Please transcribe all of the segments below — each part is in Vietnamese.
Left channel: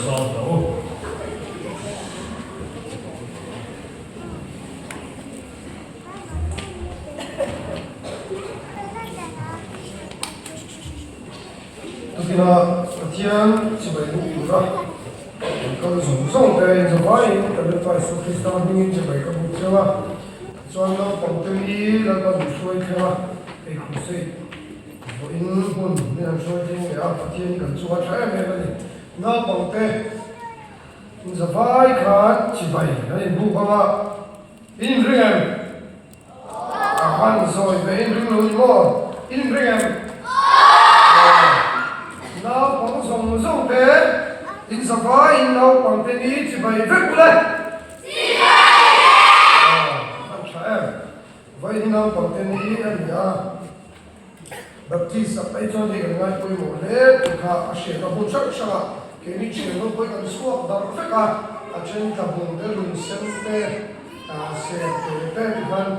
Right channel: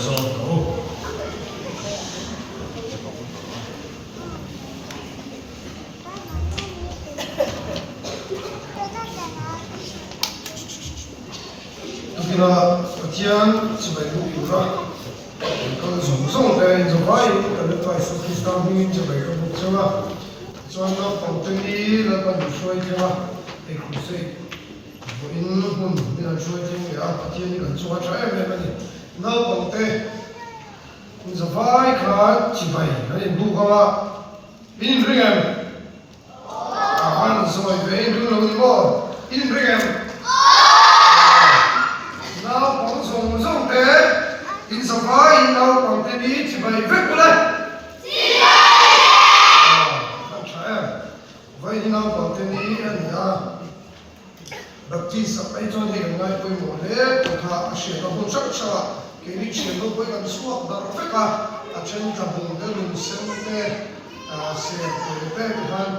som to kira kian sebagai ukura kalau song dari Jawa ini kalau pasal Kristen ini sebagai ukura soalnya pengteri lalu musuh itu eksklusif ini pun dengan musuh itu ya kian dan semua saya memang na pengteri Jawa ikat cibai jadi bukan ini ringan akan soal ini dulu ini ringan in Sava in now company to buy regular. Vai in now company and ya. Baptist up I told you and I put more there to have a share of Bushaka. Can you share the boy on the swap that Africa? A change of the room sent there. Said the third one.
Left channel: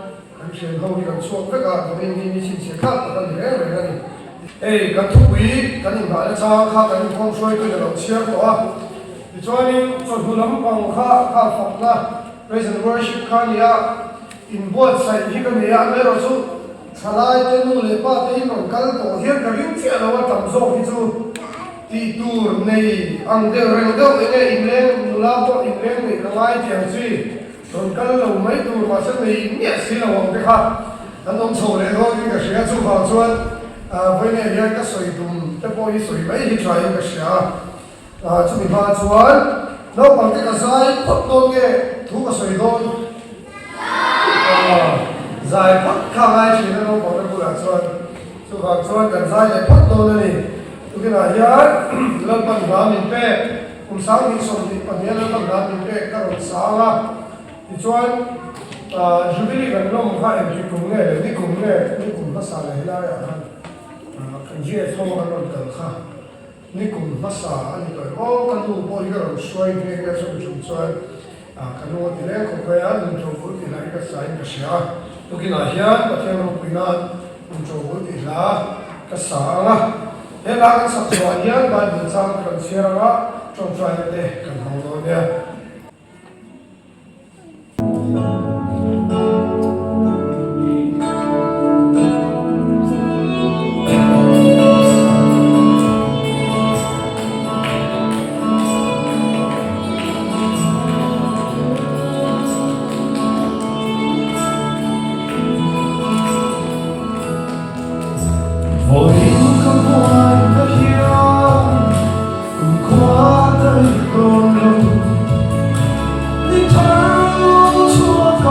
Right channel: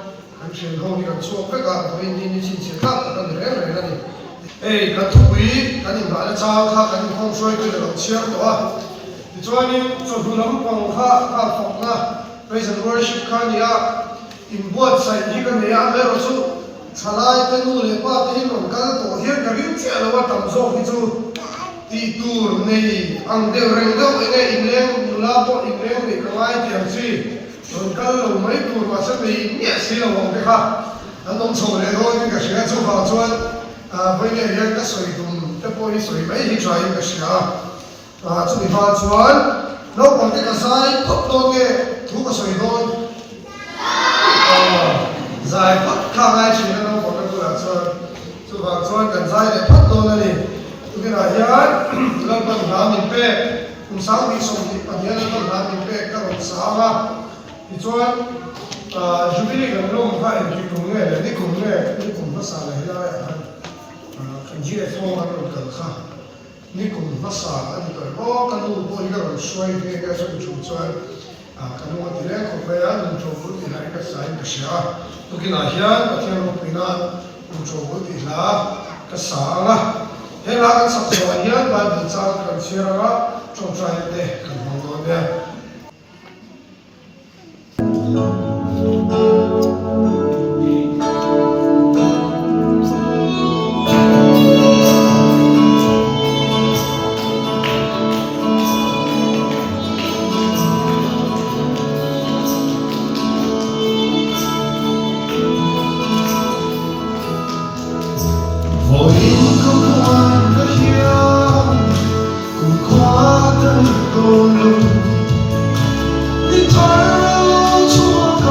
I'm sure how we are so Africa, the Indian is up on the railway. Hey, các thú quý, các bạn đã cha khác các con soi tôi được chia đó. Thì cho nên phần hồn lắm còn khác phật là praise and worship khá nia in board side thì cái này anh lấy số trả lại tôi mua lấy ba thì mình cái tổ hiến cái những chuyện là tầm số thì chú thì tour này anh đều rèn đâu cái này in lên mula to in lên để cái lái tiền gì rồi cái là mấy tour mà sẽ bị nhẹ xí là một cái khác anh không sầu này thôi nhưng cái chuyện chú vào chuan với này hiện cái sợi đùm cái body sợi mấy hình trái cái gì à chú bị hoa chuan nó bằng cái sai cốt đôi cái thú cái sợi đôi dài cốt khang ai chỉ nó bằng cái là chuan chú vào chuan gần dài để cốt đôi này cái này hiện nó bằng lá mình pe cũng sáng đi xong thì còn hiện nó bằng lá mình pe các bạn sáng á thì chuan chú đi gần nó không phải đi cùng nó sáng này lại chỉ là phong cách của tờ khá, ní cùng nó xả anh rồi có cái lu bôi cái rồi xoay cái sự chụp xoay, cái lu thì lấy có phải anh chụp bút thì này cái sai cái xả, tôi khi nào hiện cái theo một cái nào chụp bút thì là cái xả là, hiện là cái sắp xếp hiện là định sang cái xả là trong xoay để cái mong đợi về. Hãy subscribe cho kênh Ghiền Mì Gõ để không bỏ lỡ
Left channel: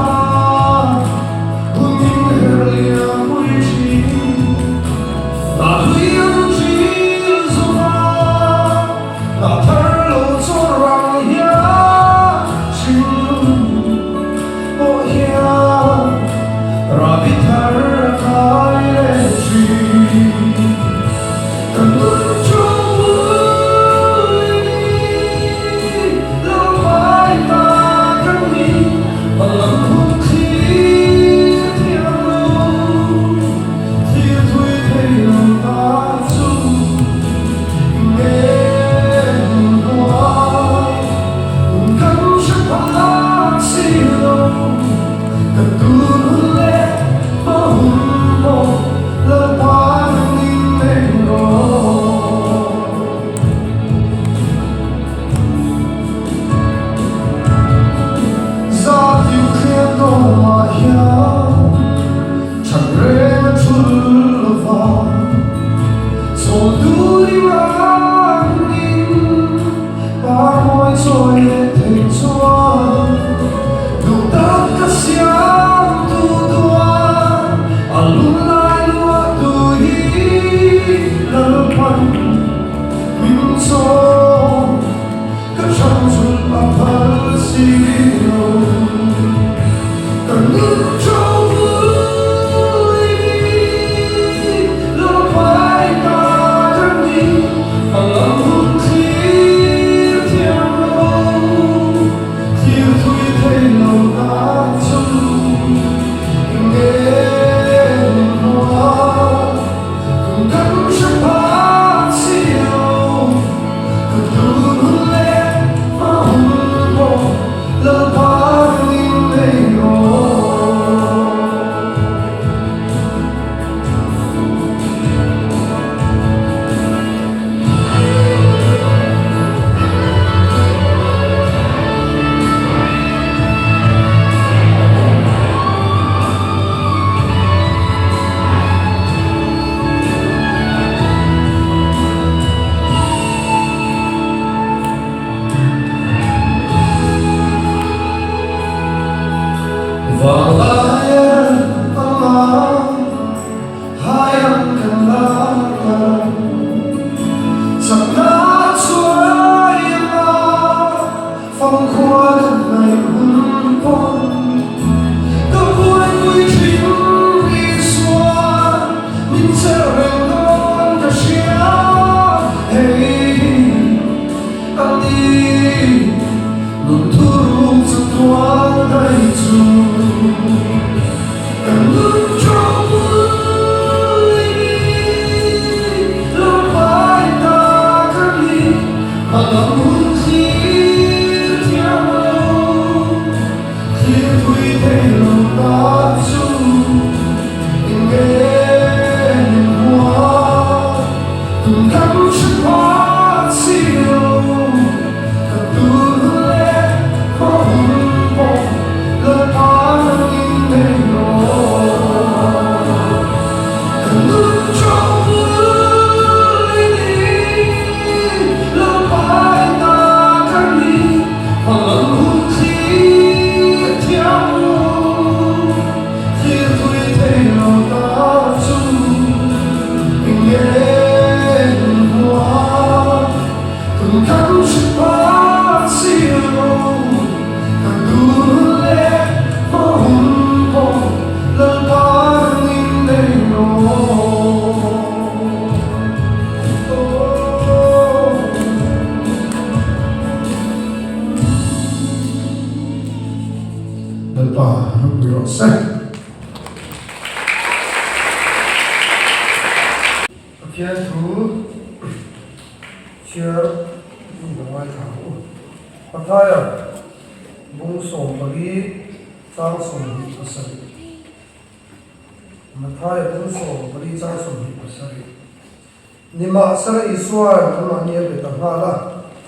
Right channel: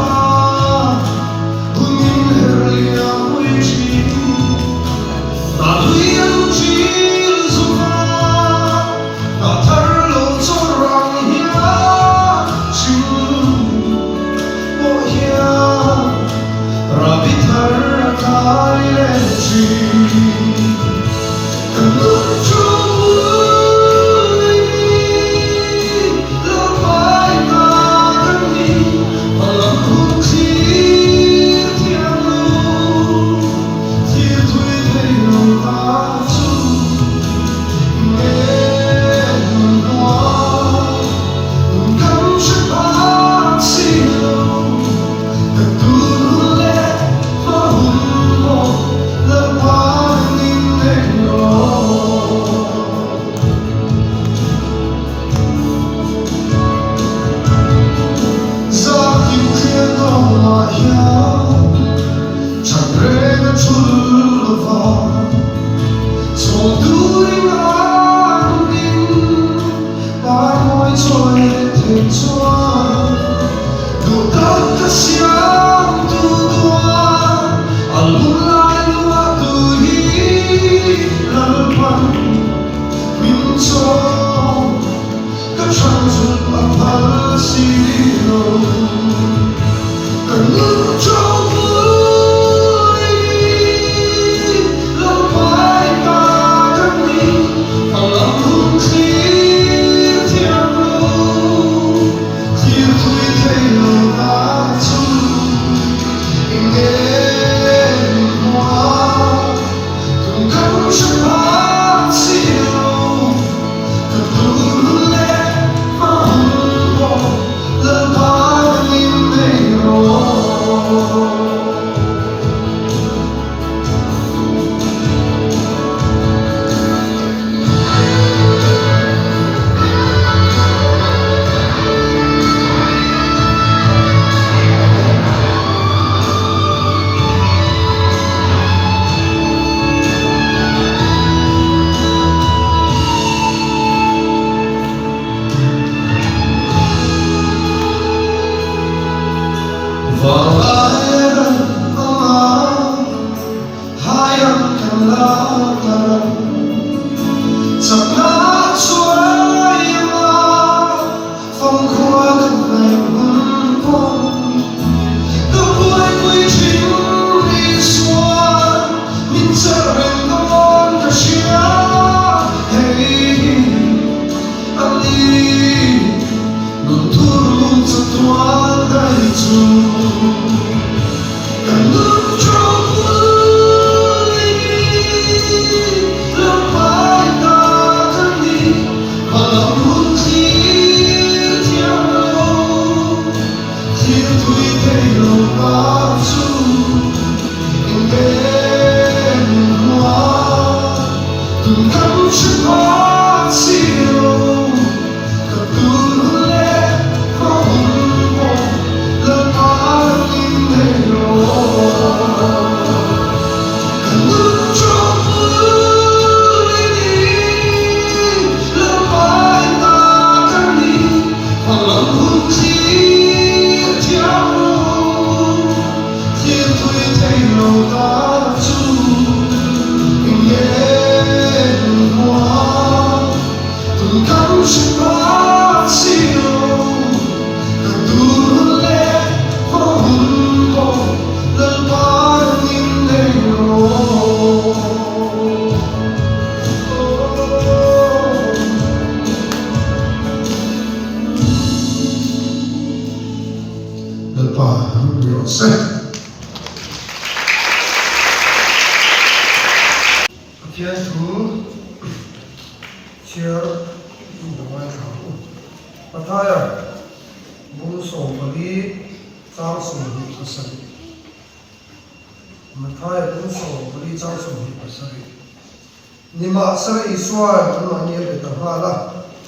Nima sara iswa nama ni ada tangala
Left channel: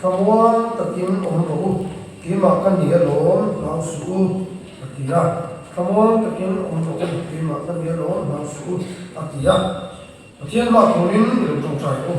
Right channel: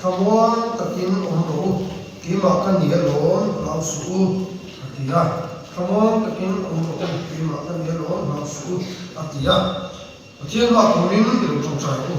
kamuan takin omro lima kan dia lom lausu atia kamuan takin omro lima kan dia lom lausu atia atia ma kumin berjong cai ko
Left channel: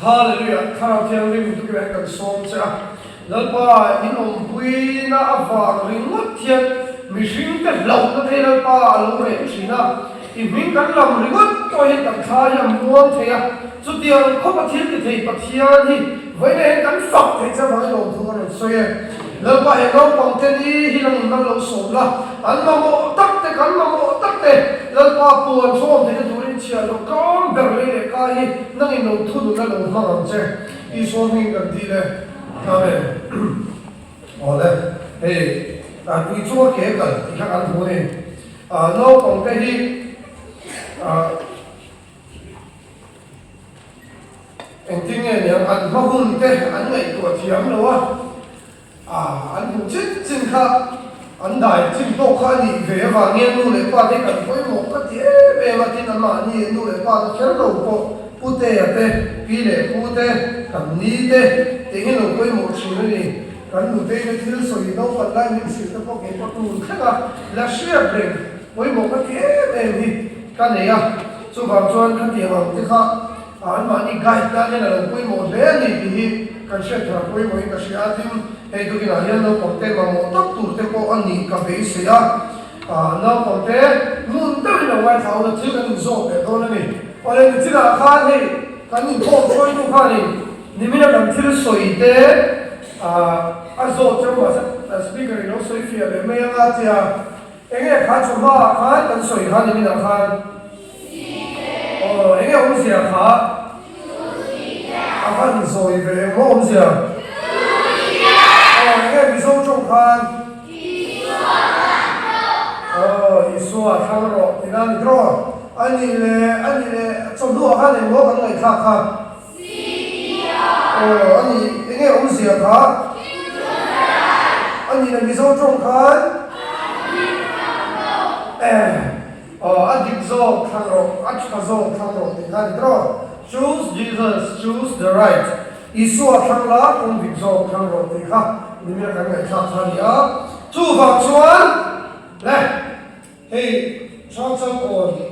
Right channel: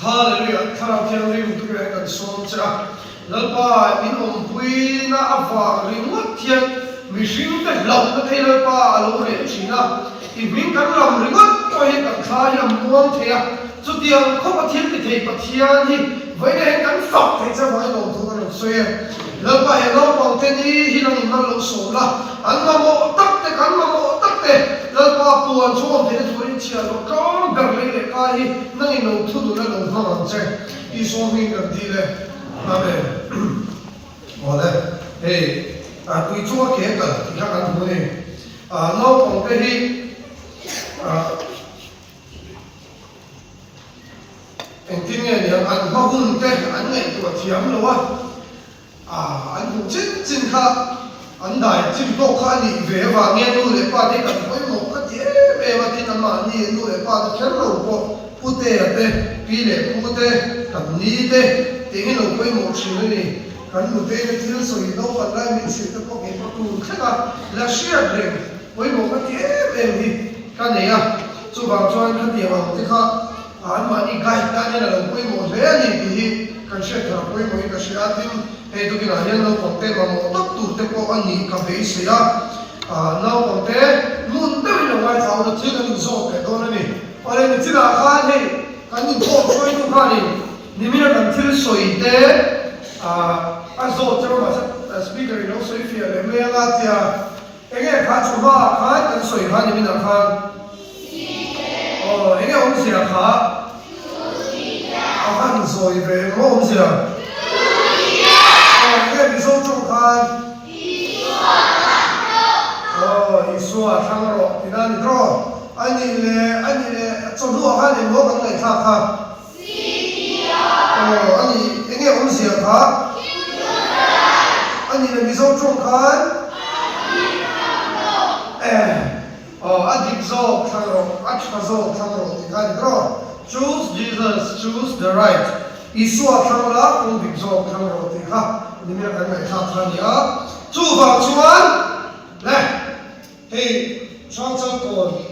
haleluya khara tiang ni tu ya kan som cha lalpa ni om pui na awa ringot tiang mishing ka lau na thela pa lo re china Ibing kan lam ringot ko he kan tha yam muang thea chu tiang kho pa thil ni thei pa thia ni vai ne kan fak thei cha vai lo thu ro soye la pa he lo pang te ni hi nang na lo so la an ma mo tak te kan ma mo tak te la pa puan chom te thu rin chia lo kom ber le le ka hi nang i lo thu du la lo na ang che I so mi kan ti le amen ole hey ta tu chu ke ka ka an ho ne no pang te hi en tin ne an ha hun te an nei to thiam lo an hu chin chin kha an dai chin to kha ni ve wa nge nu le pa de kan koi mo ka ti e ma ti kan ma ni nu le pa da kher lo ko pu te ya te pi le pu te kan ni te te ni lo koi mo chi ni kan nu te ne thil so yi do pa la min si te ko ke pa tu kha la shia bre koi mo ka ti e ni ka ne ya chu ba chuan ka ti wa ti kha an ma ni gai ta ne la koi mo le ni ki kan she thar koi mo ka shi atin e tu ki na le no ko te ma mo tak tu te ko ani ka be se ya no ko te mun te no wa cha o ti kan zo pe do ni ore ni ti na kha ni kan ni ko choi tu kha ni ni me kan thil soi te a zo che ro ma speaker no soi fi le me nga tia enge kha chu ma kha kan soi kha ni na kha enge om sia kha han zoi ve mo om sia enge bi zo chung kha isu a thang ro ina ni dro ani le chom lo kha le lo kan ngai kha kha ani enge om sia kha ani le bi zo chung kha Adibzo thangro, achkazo thangro, thangro. Choose Jesus, choose the right. Isu thangla, kung dibzo thangro, thangha. Nimya kami thangya. Chu va chuan. Le. Hey, chang ko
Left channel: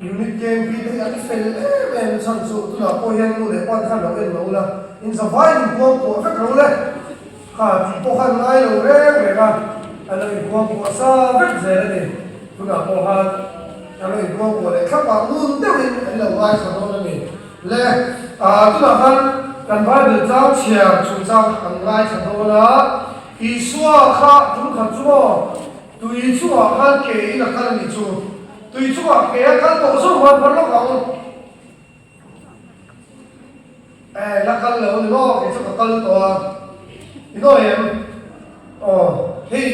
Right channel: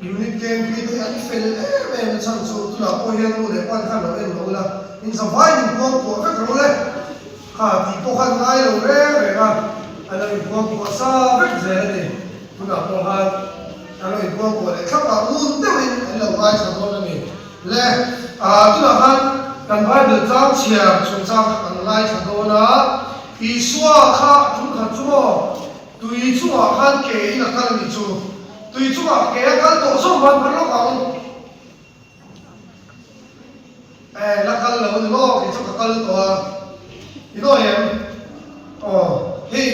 unit game bi de ani fel me chang chu tu na po hen lu le pan khan lo lo la. In sa vai ni ko ka ro le. Ha ti po khan ngai lo re ga. Ana ni ko sa vet ze kuna po ha ano ito po le kapa mun te win ano vai sa do ni le tu na han kan vai de chao chia chu chao an lai sa do na I suwa kha tu kha chu tu I chu ha ke I la kan ni chu tu I chu ke ka to so man par lo ka la kan lo ni lo ke chu ka kal to I no em Hey,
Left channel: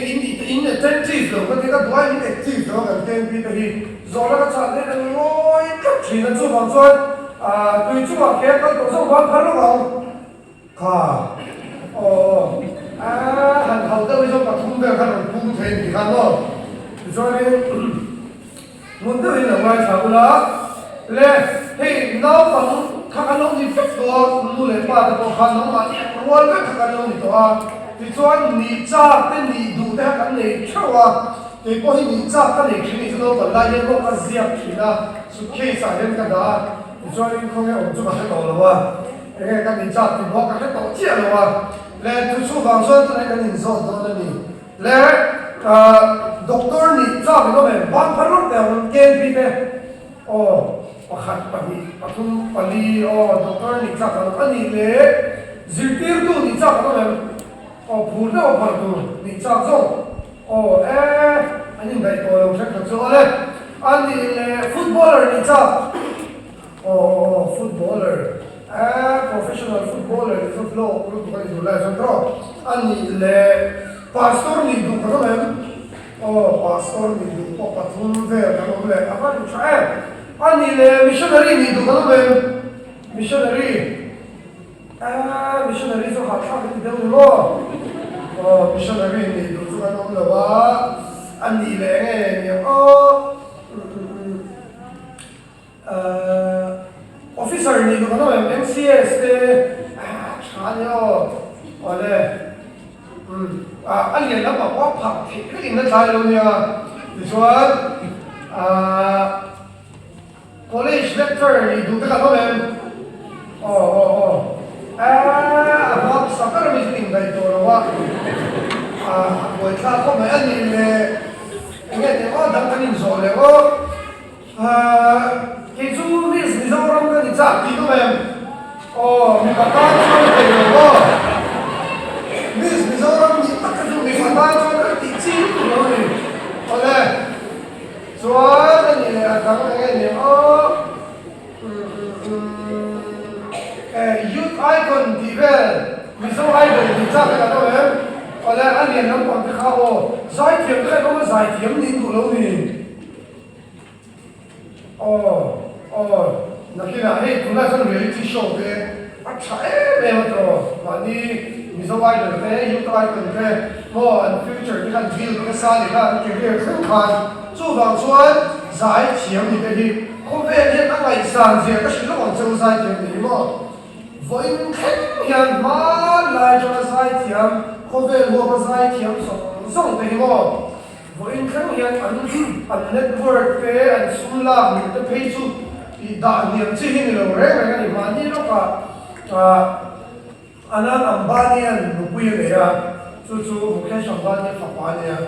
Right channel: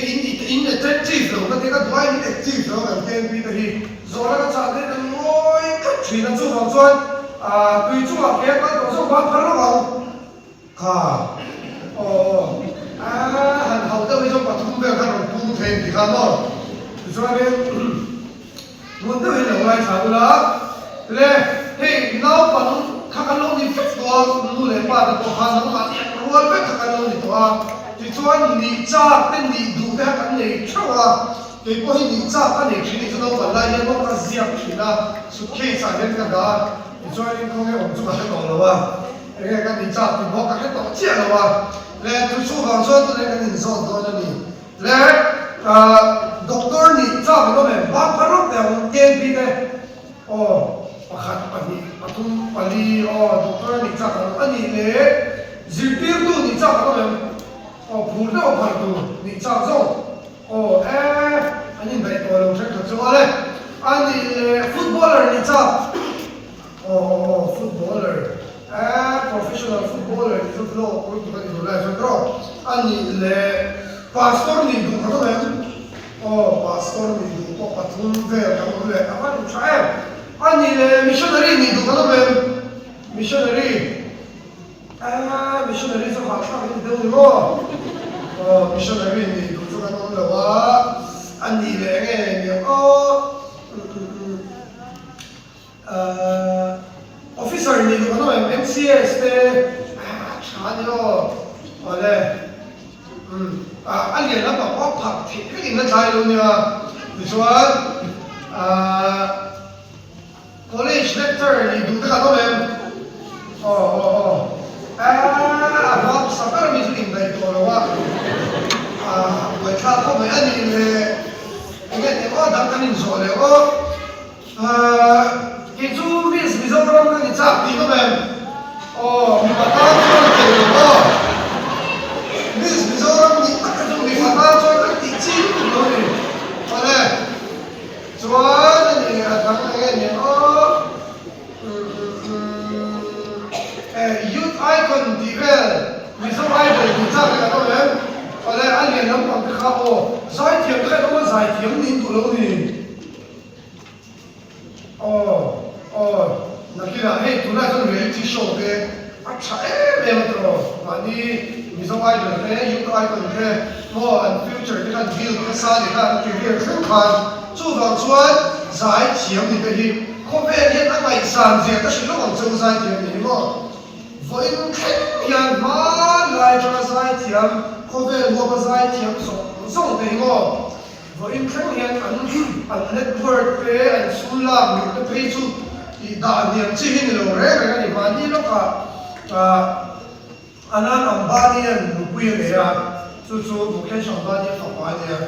in attentive lo, kasi ka duwa in active lo, kan ken pi tahi. Zola ka sa atin ang oy, katri na so bangson. Tui chu ma kaya ka so wan pharo ka. Ka. Han hau ta so pathum be ka ro pu the di ka no. So ke mun ta in lo ngai sa la. Le, hey, now pa ka ka lo ni fix do mu le pa ta ko kha na ma ni ro be ka ka lo ni to thì cho anh nghỉ cha tên nghỉ đủ để hắn này theo cái bôi nghỉ cha cái này khi này cho nó còn lại nhưng mà cái gì thì là sự kiện xảy đến cái đó thì cho anh không nghe ông chú hay bảo là cái nghỉ cha thì bỏ cái tổ chức là là tôi chú hoàng xuân tôi này cái nghỉ sao tôi này là doctor nghỉ cha cái đó này bán phải lúc nào game đi đây khát cái gì atum pani doctor nghỉ cha cái đó nghỉ lệ zilpir tu nghỉ cha cái đó này phun đâu phải tu, đi chạm sâu, anh nhìn thấy tôi làm sao cho đấy, anh footballer đi chạm, footballer, professional footballer đi chạm lâu, cũng có đi đuổi chạm pro, anh nhìn pastor đi đuổi có mấy, pastor đi đuổi có bắt thun về, có mấy, apa tu saya, anh nhìn missionary đi đuổi có mấy, missionary cho họ sao đi đâu nữa. Missionary ni tu kan ông là wa anh đi lẽ nghe officer ni tu kan ông MCS te chán yo ole anh nghe nó bảo có thật thì cái gì nó sai luôn nha thì cho college lecturer ni tu kan ông about sakar mi tu ngai to wa buổi sáng không phải ăn gì về anh ấy thì có đang ăn những rồi đấy có cái chú biết bây giờ đang ăn chả tí các bạn mình bắt tao cho nó tiền rồi đó biết bây giờ đang đi tất cả chúng mình bắt tao cho nó tí chín rồi đây cho nên là trong cái này youth icon develop bây giờ idol thì chắc là các bạn đây anh liền nắm bằng cái khao giải thiểm cái đó là giải thiểm nín tụ lâu nè là kia là hey tụi nó trong reality show thế chắc em mà rồi mà đi ví dụ ai được thế những ai cần thế mua anh future cái anh view cái sao thì anh cái việc rất khó chú vào chuan giải thiểm thì cái gì không biết hiện anh này sản gì cái sự nó còn chưa giải thiểm thì đúng không với hiện mà lại cho giải thiểm không về mua bao giải thiểm sống thế ngô với những hiện anh network thế anh school làm những cái page thì đã niệm chỉ hình rồi đấy cái này mà đi nó cả anh Ambani anh Mukuya này à chú Mukesh Ambani Ambani à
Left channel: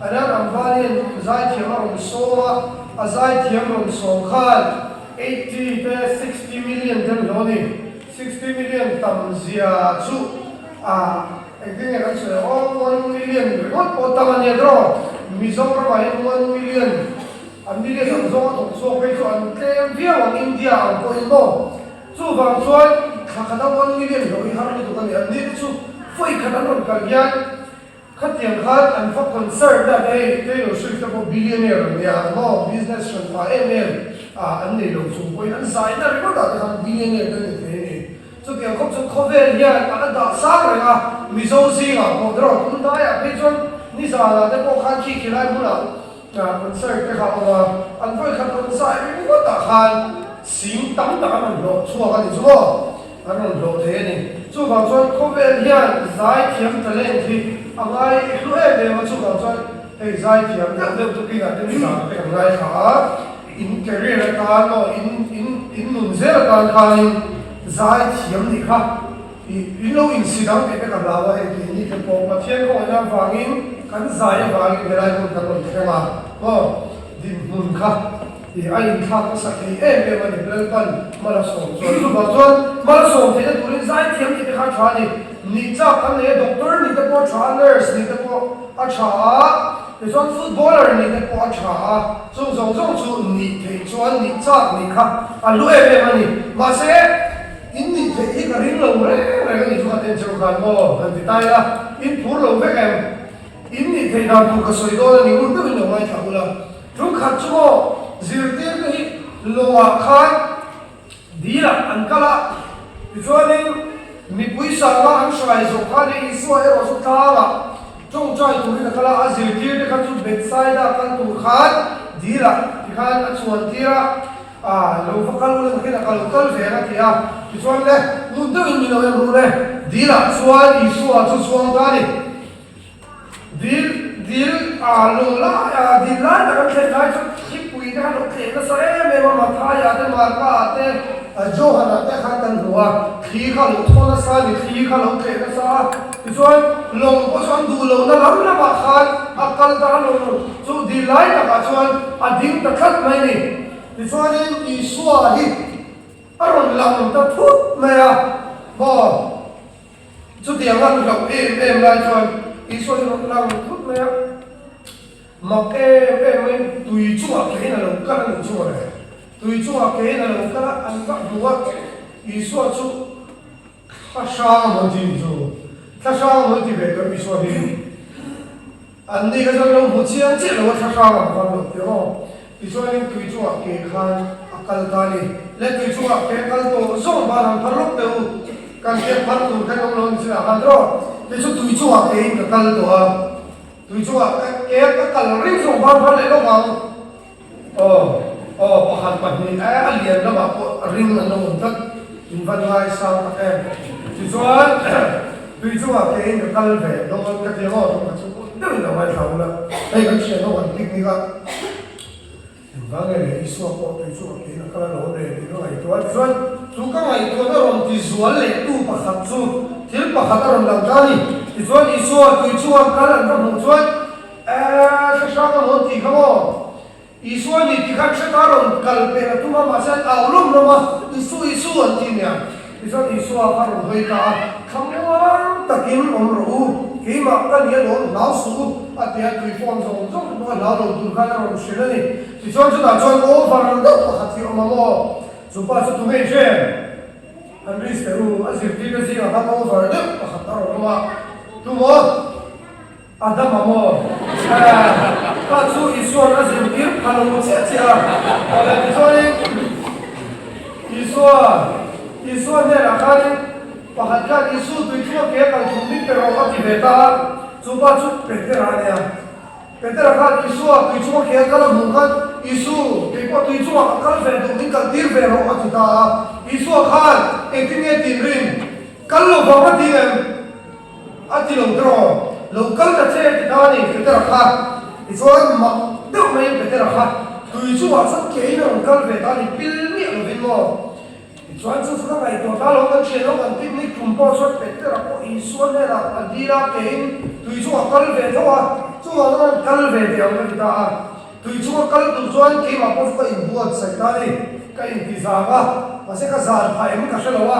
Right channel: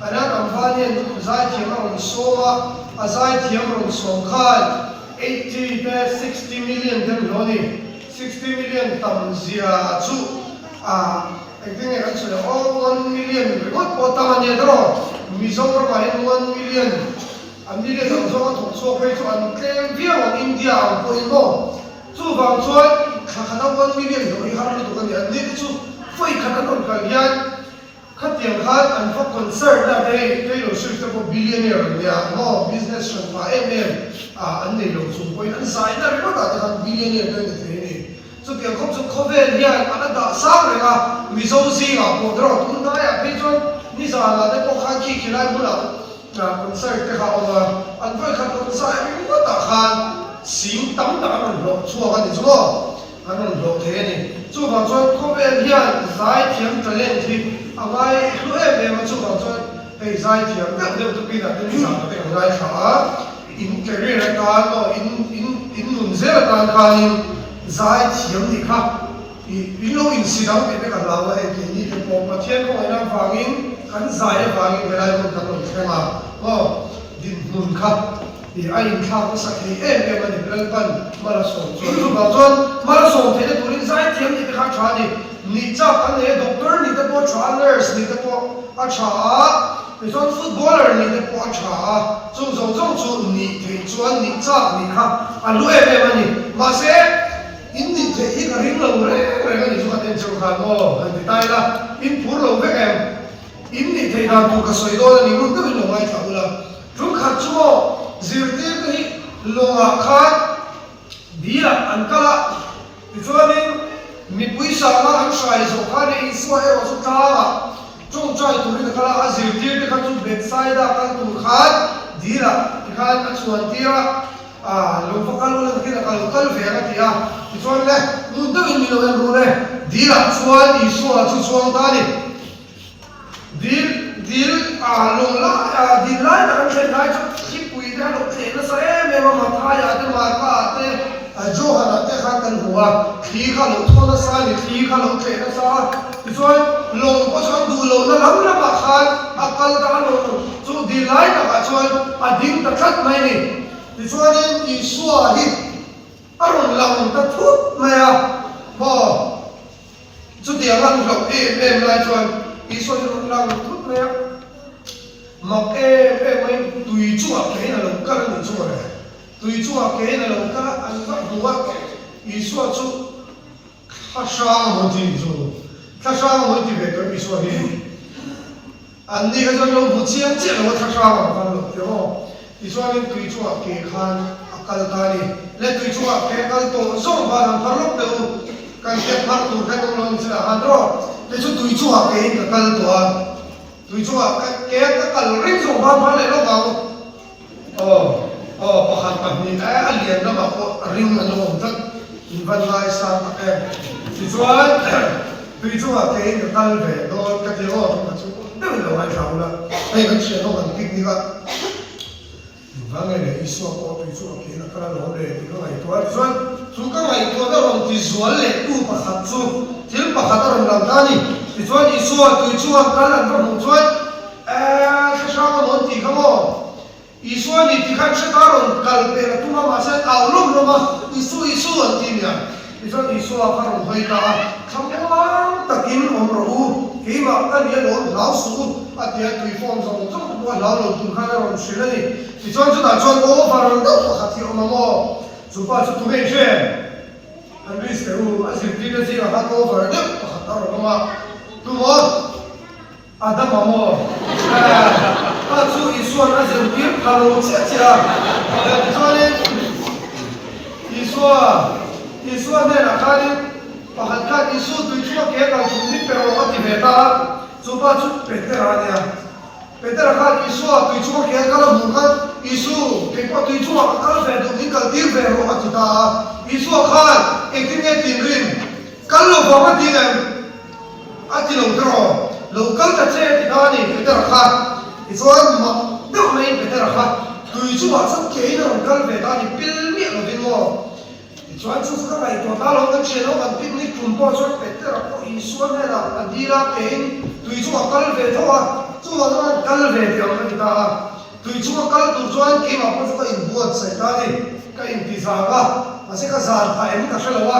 anh Ambani giải thiểm ông số giải thiểm ông số khal 80 to 60 million tiền rồi 60 million tầm zia chú anh thấy nghe cái chuyện 1 million một tầm này đó Mizo các bạn 1 million anh đi đến chỗ tổng số cái chỗ anh kem phía ở India ở Cô Inbo chú vào chỗ khá 1 million rồi hắn đi tụ cái này anh đi chú phơi khá nó cả gian khát tiền khát anh phát concert là đây cái đồ sử dụng billionaire này nó business và em anh này đồ dùng quên anh sai là nó đã thành billionaire cái này so tiền không chung cover nha anh đã sáng rồi à Mizo gì à bộ đó cũng nói à bây giờ đi ra là để có khá khi lại muốn là concert cái họ anh phải khát concert anh có tạ khan xin tắm đã anh lộ chua cái gì chứ anh lộ thế này chú bảo cho cover nha giải thiểm trở lên thì anh ấy lúc em về mà chú bảo cho cái giải thiểm các đơn tụi kia là cái gì cái giải khá integrate cái nó in muốn dễ là cái giải thiểm thì khác thì lâu in sĩ đạo cái cái làm là cái gì thì có mà thiên không ai vang in anh giải vang in cái này cũng cần phải xem à thì muốn khác thì anh khác có sắc thì em mà được lên phần marathon cho marathon marathon thế tụi mình giải thiểm thì khác chả đi ni chắc anh ấy doctor ni cái bộ trainers ni cái bộ acha thì chọn footballer ni cái bộ acha trong chú ni thì chọn ni chắc ni khác anh lúc em mà ni mà sẽ in ni thế cái hình lâu đấy cái này chúng ta chơi khăn mò anh thì tay là in phút lâu với em inni thei na tu ka soi do ni mun tu lo ngai thawla chung khat chu zirte ni lowa khan dira ankala chuanin mi puisa la an shai zo khani iso e ro tala chung chai tu ni kala a zirte te kha chu backside a kan tu khan dira khan a chuan tira lo fakal lo ni kal kal ve na tia chuan le mun tu ni lo ru re dira chuan iso a chu chuan ta ni dil lo la dil la na kan chen lai chu pui na lo che na sa e me ma tha ya te ma pa te jo ha na te kha kan huwa khi kha lo tho na sa ni khi kha lo che na sa chuan long ko chuan du lo na lam na ba khan akal da lo chu dil lai na ka chuan a ding ta khat mai ni chuan in I suwa hi aron lam ta thut ma ya bo chu dia ngan lo em lai chuan I suwa ron lam thut ma ya mặc em ấy tùy chua cái này là cái là chua này tùy chua cái này là cái ăn bắt đũa ý xua chú thà sang một gì chú thà sang một gì về cái ý xua đi anh đi cái chỗ một chi anh chết là thà sang mà không được hiểu không ý xua đi tùy chua cái khan akal ta đi lấy tùy chua cái akal to số ba năm thằng lúc đầu càng cái thằng tu cái đông lớn sẽ ăn rồi cái chỗ tùy chua cái akal to tùy chua cái cần rít dùng bao bao lại nó vào pakhat pahnih a lian lama ko ring an lo tak in van lai sa ta em ti chuan ke in kal ve do ka ke ho ma chu deu lo mai fa la e kan che no an tik ni ga in van le I so ko ti chu ke na kala lo le ti no ai to chuan chu ka ngai to da ron ti zual le tu pakhat chu til pakhat ron dam ta ni ti chuan I so tu chuan kal an ron chuan se sa mo ti ka mo Isu ni tikan sekaron kalpe na tuma maset aulum roma isu antinya isu akaron hoita kamar takim omru kima kan ye don lausu atia tuifon zong zong ko lalo tu kanaron shilani isu chuda chon over ndo khati omamo supa chu tume che andris keru asir pina si ha over ndo khataron roma tumo adam amo Pasu isuan azir bir kalau cecah, ada disorin isuan ni nak kali pahatkan isu tujuh dia kalau cumi perawat di beta, cuba peter ada peter kalau isu tujuh dia kalau bukan isu kita tujuh kalau vedo ni kalau dir perawat kita isu kan ektinya tinrin kalau bawa direm ati longkro lokal kecil kita ni peter kan Isoan mak deu mai beter ha tui chu wa sat ke na kal ve ta ni pil mi lo vin mo isoan chu sa kai to ka lo kan che lo kan picnic chum po chot beter ko isoan ne la adira ke tui chu wa kal ve to wa chu wa na kal ve te ang ta ha tui chu wa kal tu chuan ki ma po ko in buat sai ta ni ka intizar wa wa se ka zar tha em ka shalo wa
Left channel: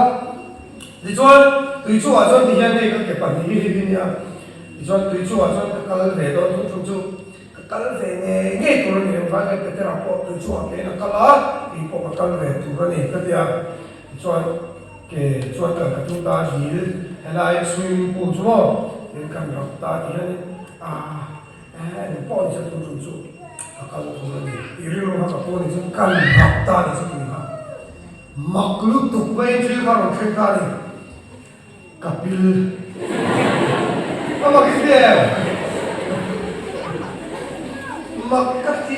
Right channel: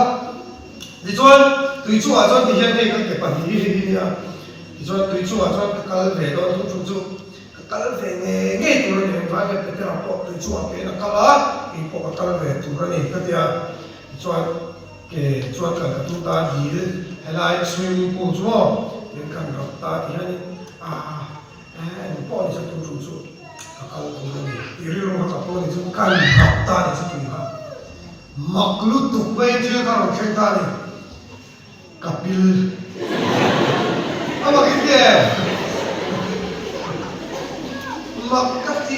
ni chuan tui chu wa chuan ti hian ne ka ke pa ni ni ya isoan tui chu wa chuan kal ve do chu kal ve nge tur ni va ne pe ra po tu chuan ke na kala I po kal ve tu ra ni ka tia chuan ka tu ta hi helai swimming pool chu ni kan ra ta hi ni ni po se tu chu kal tu ni I ri ro ka to ni chu kan ra ta ni chu ma maklu tu vai je ka ro khe ka ni kapil ama ke Makati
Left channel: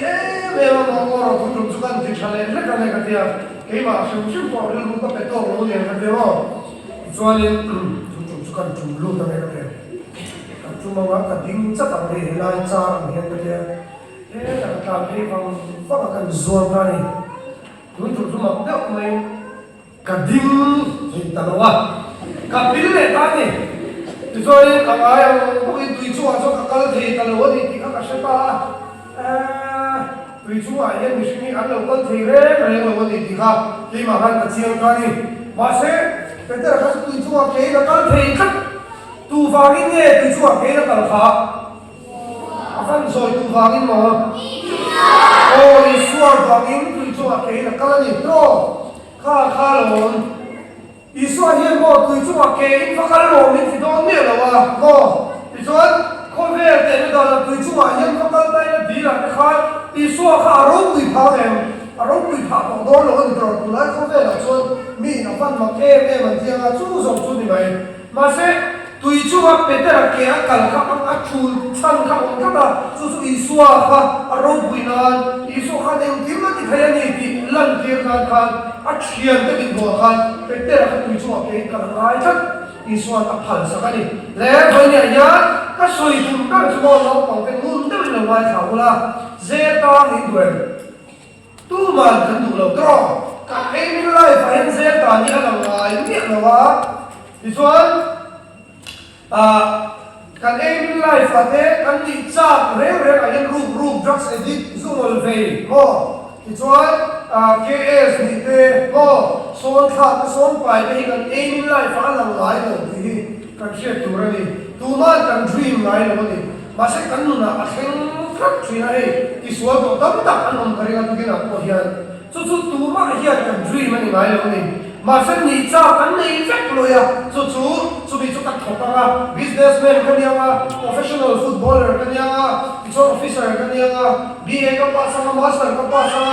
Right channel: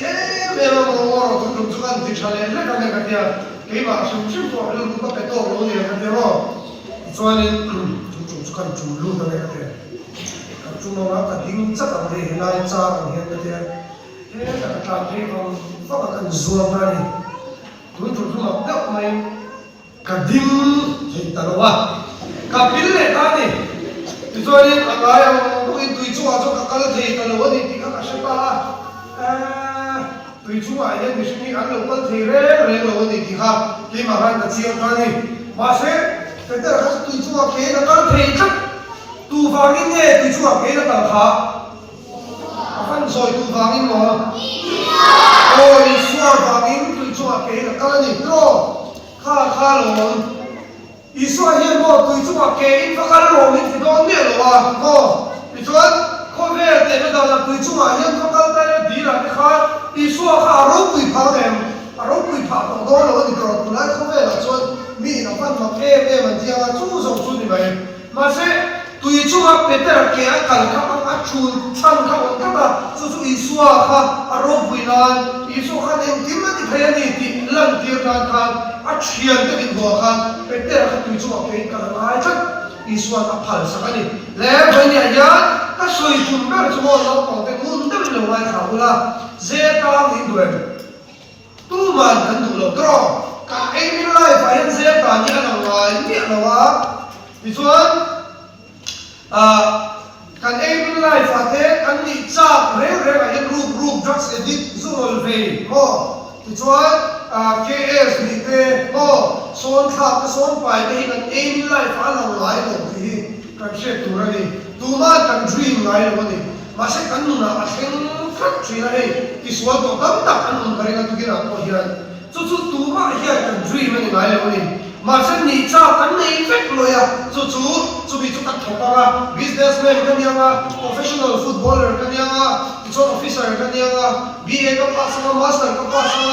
memang orang tu kan dicari lah kan dia ma semua po lu ko petor lu ya dia ro soalnya kan jumlu kan dia cuma maka ding sa kan dia lai sa kan dia kan dia kan kan zon tadi tu cuma dak mai kading kita lawa kapil le tadi soalnya kalau itu aja kalau dia kalau dia tidak siapa tùy chú ai lên mình suy nghĩ ăn được con thì rồi nó đi thì khác khi mà hai cái chiên ra đi và sẽ cái đó là tùy chú ai cái là con thì chắc tu vào đi nghe tùy chú ai cái là cần khác phân rồi tu vào đi mà ôi xua vào đi tùy chú ai cái là con gì đó khá rồi Israel hiện bộ tùy chú ai cái phải con rồi mình phải đón nhận là mà cô tùy chú ai không về để là tùy chung à hiện không bao tay đi là cái khác Isu kha ro pui pha em ro pui pha ko do lo ni to tu lai không về là chon mi na fan ma em an tia chu zong chu ni mai ma se tùy chung à Peter ke a kal ka pang a chu chan ka ka ta chu Isu kha ro pui nan Isu kha dem tim na ti phaya ni ti lan tir na khan a thian te ki bo khan Peter kha tùy chung a ke ka lai chat Isu a phal sa ka ni le boi ni ya ka soi chum ka chu mo lo ko ke mun te lo wai kha ula zeta ni duen tu man kan du lo tro ka em lai fa en zeta ni ala ngai ni ala wa ti chuan kan em lai fa te kan ni cha re a en roop drugs edit zol ve mo ti chuan ks ni te mo son kha te son pai be kan em lai fa ala ngai lo ti kan she tu ra ni tu ma kan dream ngai lo ni ma se kan nu na a heng frak thina ei ti sual to tam tak an on kare na tu ke na ko hian chu tu ma hian kan dream ani ngai lo ni ma se ni cha kan nei fek lo ya chu bi chu tak khopa ga businessman kan ya professional footballer kan ya chu officer kan ya BA ka pa sa master ka pa sa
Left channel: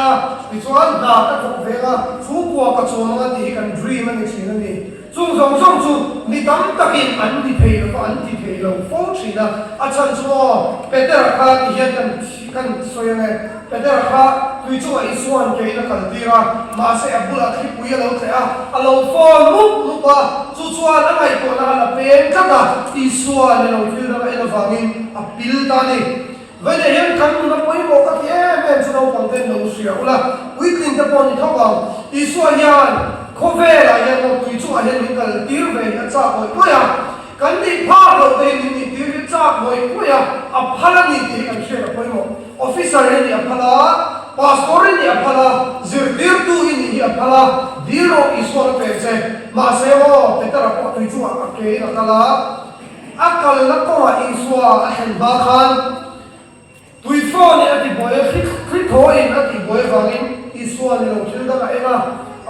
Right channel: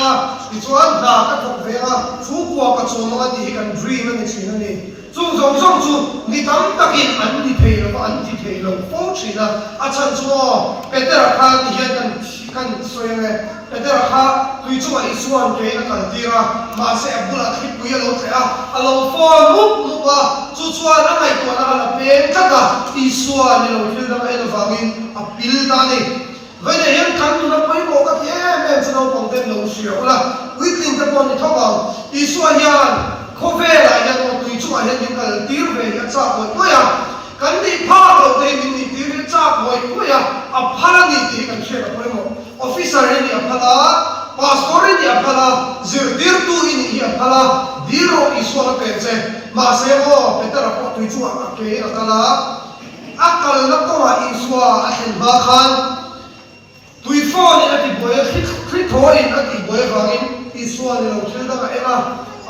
ti chuan na ka thok ve ga chu kwa ka chu ma ti kan dream ani china ni chu zong zong chu ni dam takin an ni thei lo an ti thei lo fo china a chan chu Peter kha ki hian kan soya ne Peter kha tui chu ai suan ke na kan tira ma se abula khi puya lo thea alo fo mu wa chu chuan a ngai ko na la pen ka ka I suan ne lo thil da ele vangin a pil ta ni vai ne hian kan na poi ko ka em chu lo pang ten lo sia ula weekling te pon ni thawa I suan hian Kove la ya no tui chu a hen kal tir ve ya cha ko ya kan ni pha lo te ni tir cha ko ya a phala ni ti kan she ko mo officer ni a phala pastor ni a phala zirdir tu ni a phala diro isor pe che ma se mo Peter ko tui chu a ke na kala akal na ko a iswa a hen ba khan tui fo ni a ti boy khri tho in a ti boy wangin iswa ni lo thil da ka ena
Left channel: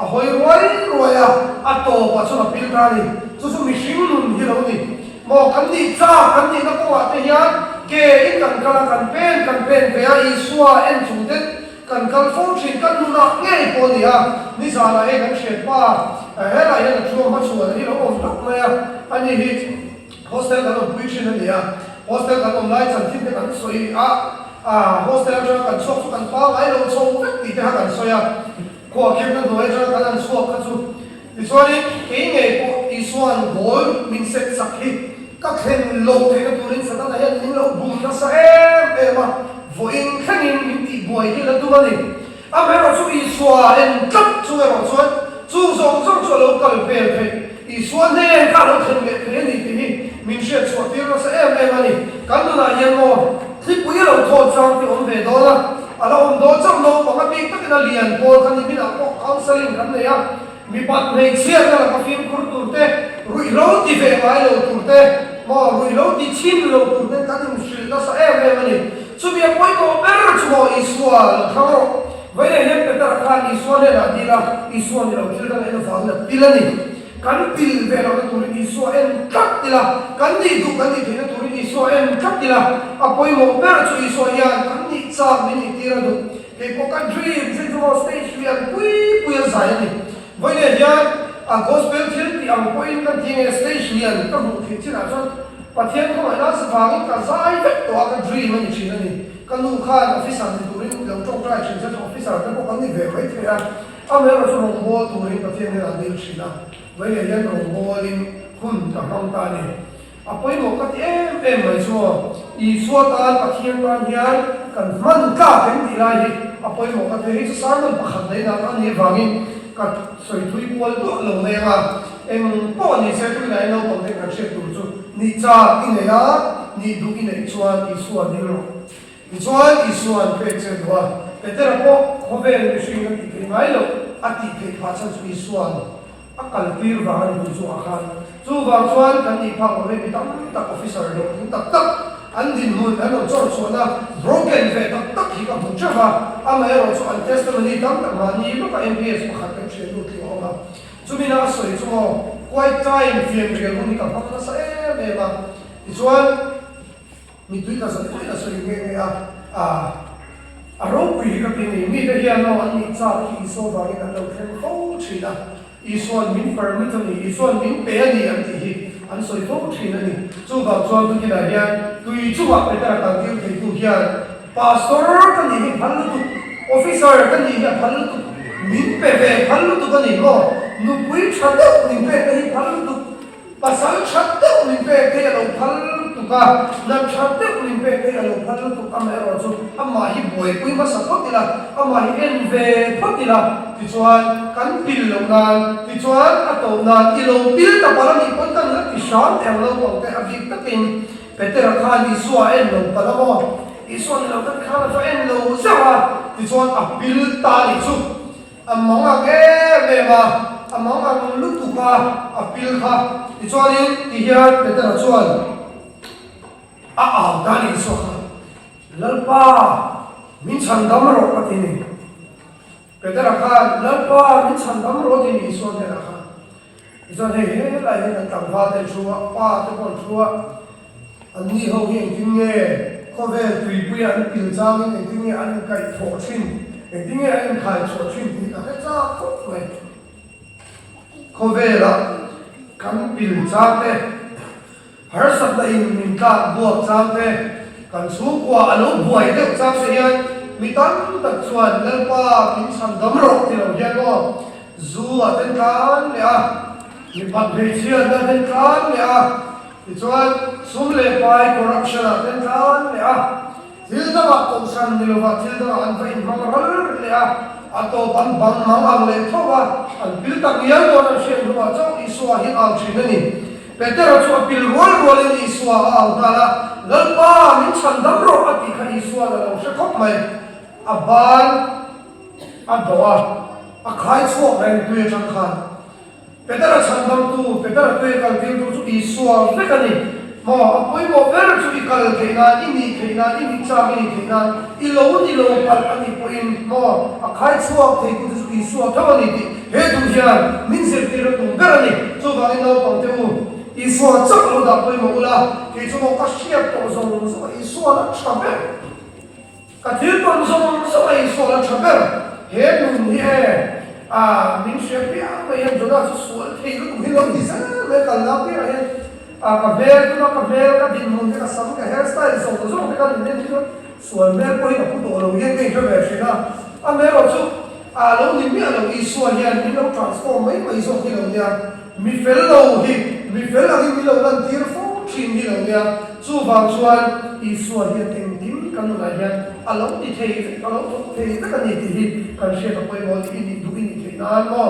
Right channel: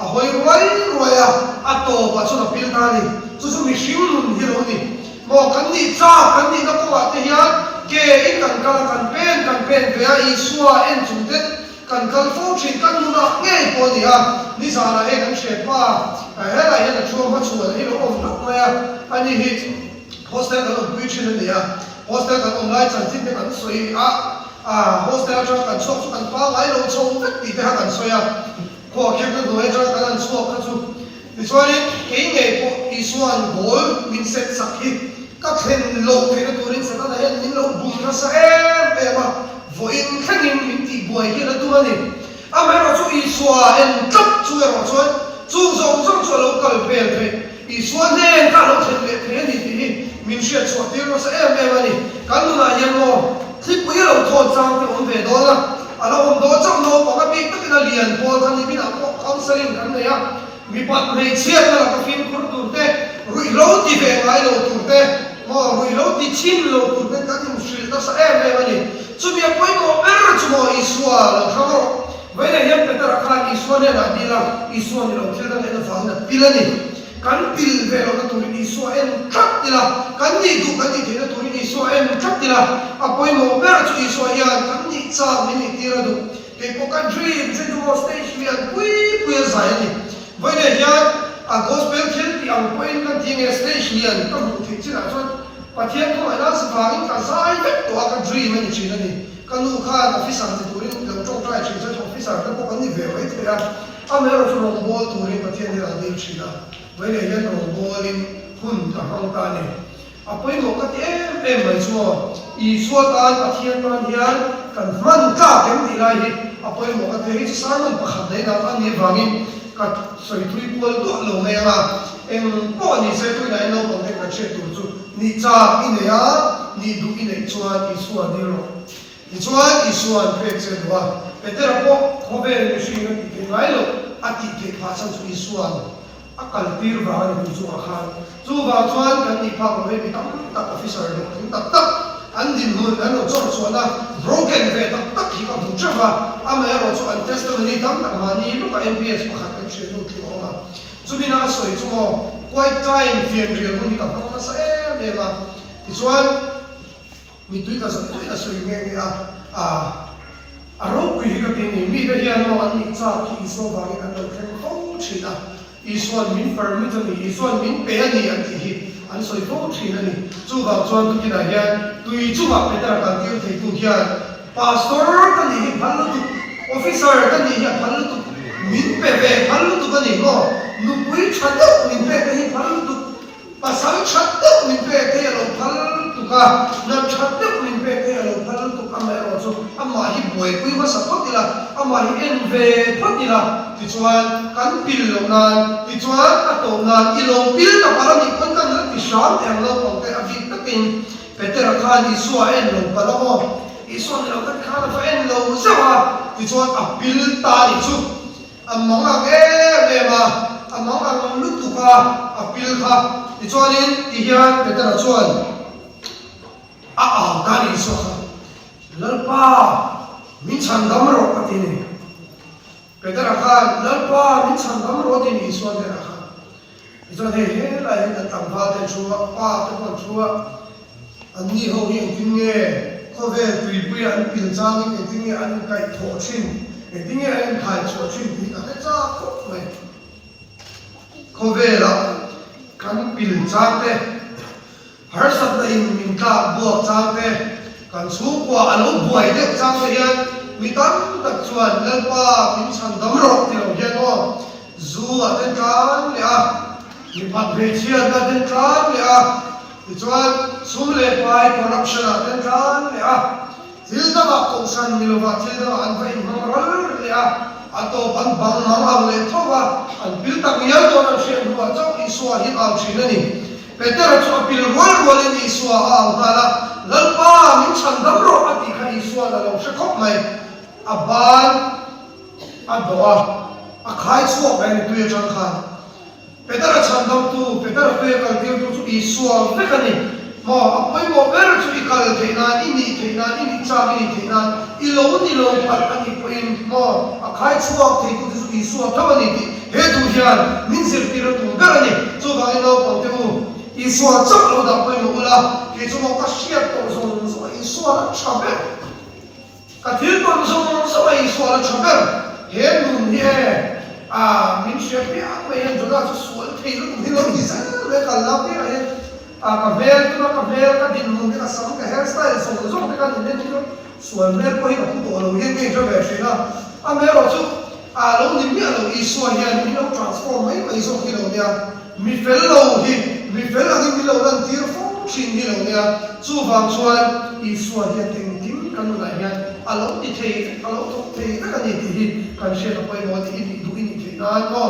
a hoi roi a to pa so na pil ta ni chu mi hring lun hi lo ni mo kan ni cha kan ni na ko wa te hian ke in kan kala kan pen ve a Isua en chung te kan kal fo chin kan nu na nge ko ni a ni sa la e kan chet pa he la he na chu ma chu ni lo of na ma ani hi hostel ka lo pui chin ni a hostel ka lo lai chan tin te kan soi a hostel ka kan chok kan pa ai lo chong ti te ha kan soya ko khem na doi cha kan chuak ka chu ti chuan ke nge ko Isuan gol min set sakhi ka khen lo the na turin sa na hen ning lo bum na sa ma voin khanin min ti boy ke na tu mani a me ro chu Isua en tap chu ro chu zong chu lo kal pel the Isua ne ka lo khen me the ni ti min she chu ti ro sa mani kan na yan mo ti pu ye lo tho sang ti om ve do na ala om do chang lo pa ka bi ta na lian po kan ni bi na ko counseling kan ne ya mi pat me chiar na ka fin kur tur te rui lo ti ve mai lo tur te mo rui lo ti chim lo tur te ka tim shil na sa mani chu mi poi mo er chu mo Isua lo thamo vai ne yam pe tara khan Isua ne na dira Isua ni lo thil da ne fa na tilani kan til ve lo ka tur Isua en chat tila kan ni tu kan ni te tur Isua en chat tila a poi mo er chu Isua ya kan ni cha ni tira do ke ko ka dream chu mo stage ya pui sa ni vai ne hian a gospel thil ti ang point kan ti ne stage lian ka mu thi china chon pathian ko ana sa phang ka sai vet to ka dream ani china ni kan nu khan officer ni turin kan chok trai chin cha officer kan ko ni ve vai thira a me ro chon bo turin pathian ni ra dei china vai ne hian ro bolin hun ka hang ta ni a poi mo ka ti em mai chuo Isua tan pathian tan hian kan man ka kan ti lai hi a poi mo ka ti hi sa man pakhat dei na ani wangin ka soi thui pol to lo ne ma en po ni se tu nai no pong te ka che tu chu ni cha in ya ni du in chuan Isua ni ro ni chuan Isua pe che wa te ra po ko ve ni shi ni ti mai lo a ti ke pha chan chu Isua a kal tir va ni chu a khan chu va chuan kan ni pha ko ve ni tam ta officer le tak an din hun an lo chor chuana broken ve tak hi ka bu cha a me ro chu an testimony tam ta mani lo ka MPS pakhat kan che lu ti oma chu mi na soi chu quite time fian re hun ka pa na sa ma ti chuan mi tui ta sa tui ta sui nge a ro pi ka tin mi da hian no an ni cha ki so ba ni an lo khen ko chi na i so min permit ni i so min pe ni an ti hi an soi ko chi na ni chu ga chuan tu ki da hian tui chu wa pe ta ta ti ti tu hian pastor ka ni bhal tu officer ka ni ya bhal tu min pe ve bhal tu ka ni no nu pui chhade min pe ke bhal tu pasal chhade min pe ke lo bhal tu ka na chhade min pe ke lo bhal tu ka me ro chu ama hi boi pui ma sa ko ti la ama hi en ve ko ti la ti chuan kan pil lo nan ti chuan a to nan i lo pil ta para ni kon kan la ti sham em lo ko te a bi ta tin peter kha ni suwa en lo ka la mo i so ni lo ka kha fa en lo za wa ti chuan a pil ta ni chu among age me ba among ang lu tu ka a pil kha ti chuan in ti hian peter chuan a ta ni so kha lalpa min chan dam ro ka ti ni peter kha lalpa min chan dam ro ti ni so de kha ti chuan he la he ta tang va te chu pa te kon chu an ni ho hi tin nge ko ve tui pui an pil chang in tin nge an kai tho chin tin nge an khai tho chin ti ta cha ko me ko ve la kan pil chang te har sab la in min ka bo chang te kan su kwa alo buai de chang te hian mi tan ka chuan lalpa min chan dam ro ti lo hian no zu a ten kan le a mi pa phei chia na ten kan le a ti chuan sum le pai corruption a ten kan le a thil da ba to san ni lo wa thil da an vai mang rol le a ato ban bang mang ang le thowa an bil tak yal do na shen wa chok i swa hi au chin ani peter chu pil rol rol ni swa au hala lalpa min chan dam ro ati kha i swa la lo she khop mai aban abawa a khai chok mai tu ye chang khan peter chan dam tu peter te kal ti tu chu i swa ve ka ni mo apoi mo ver chu i kal ke na ini cha ini na i lo pat ani poin mo a khai chok te tu chu i swa thaw ni ti he tu hian min sir ti ro tu ver ani chu ga i lo ko te u i swa chak lo da poi mo ula ke chu mo ka shia to so i swa la chaber ka thil kon so i swa la chaber he mun he min she pe a mai han joda chu sul thei lu hi lo ni sa le kal la pe he ka vel ka din mun ka sam ka hairstyle so ka ni ne tu suan ne poi ka to lo ye ke jo ve she na a mai ro chu a lo ni mi a lo i swa hian ni lo transform mai mai so ki lo nia mi fel lo hi mi fel a mi lo dan tir fo chin ni lo nia chu wang chuan i swa hi ting ting kan la hian a lo ni thei a lo to thei ka ni ti hi kan she ka poi mo ti ni du ni thei na no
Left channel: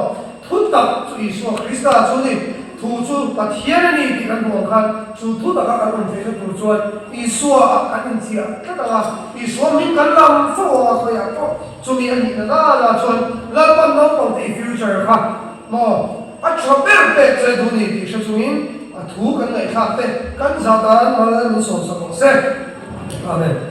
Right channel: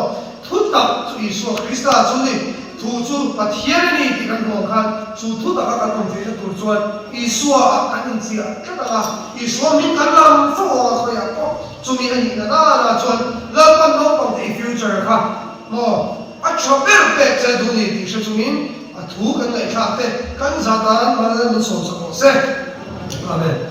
thu ta chu i swa krista chu ni thu chu pathian ni ti kan hong khan chu thu ta ka kan thei tu chuan i swa a kan chia ka ta i swa mi kan lam fo a ko ya ko chu mi ani na na chuan la pan no pang te future kha no a chober pe che du ni ti she chu min a thu kan lai kha te kan za dan ma la min so sa ko se amen